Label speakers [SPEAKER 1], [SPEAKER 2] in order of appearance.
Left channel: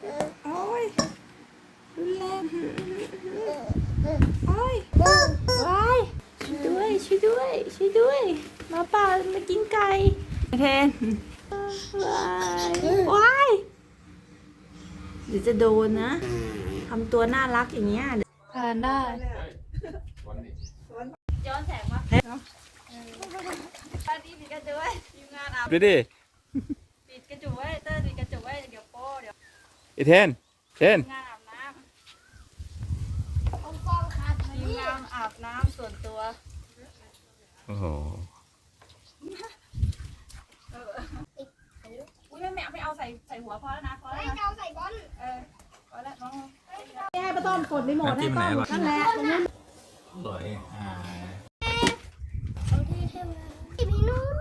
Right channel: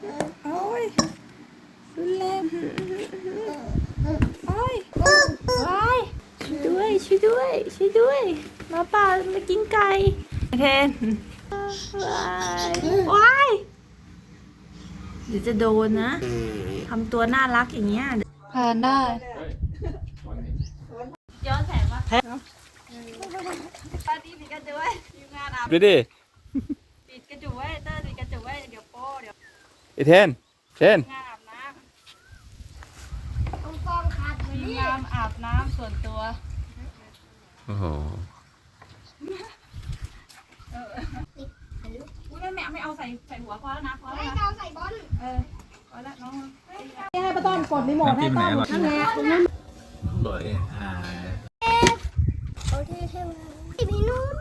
[SPEAKER 1] โอ้ยรุนแรงโอ้ยว้ายช่วยด้วยช่วยด้วยช่วยด้วยหมาป่ามากินไก่เทนว้ายว้ายเดี๋ยวจะโดนนะทำตัวน่ารักอย่างเงี้ยผ่านได้ย้อนแสงมาปาตีปิดกระจกไว้ทีมงานอาบ
[SPEAKER 2] ดูดิ
[SPEAKER 1] ปิดกระจกไว้เตอร์ปิดกระจกไว้เดี๋ยวโป้เดี๋ยว
[SPEAKER 2] ไอเทน
[SPEAKER 1] งานอาบน้ำ
[SPEAKER 3] ต้องกองขาด
[SPEAKER 1] ทีมงานอาบน้ำส่วนตัว
[SPEAKER 2] โอ้โห
[SPEAKER 1] อุ้ยแม่ไม่เอาใส่หัวพอแล้วนะพอแล้ว
[SPEAKER 3] ไม่
[SPEAKER 1] นะ
[SPEAKER 3] เอาใส่บอล
[SPEAKER 1] พอแล้วน้อง
[SPEAKER 4] ให้ป้าต้อมกดรีโมทให้ต้อมนั่นแหละตรงนู้น
[SPEAKER 2] บ่อย
[SPEAKER 3] เอาเท่ๆมาพี่นุ่น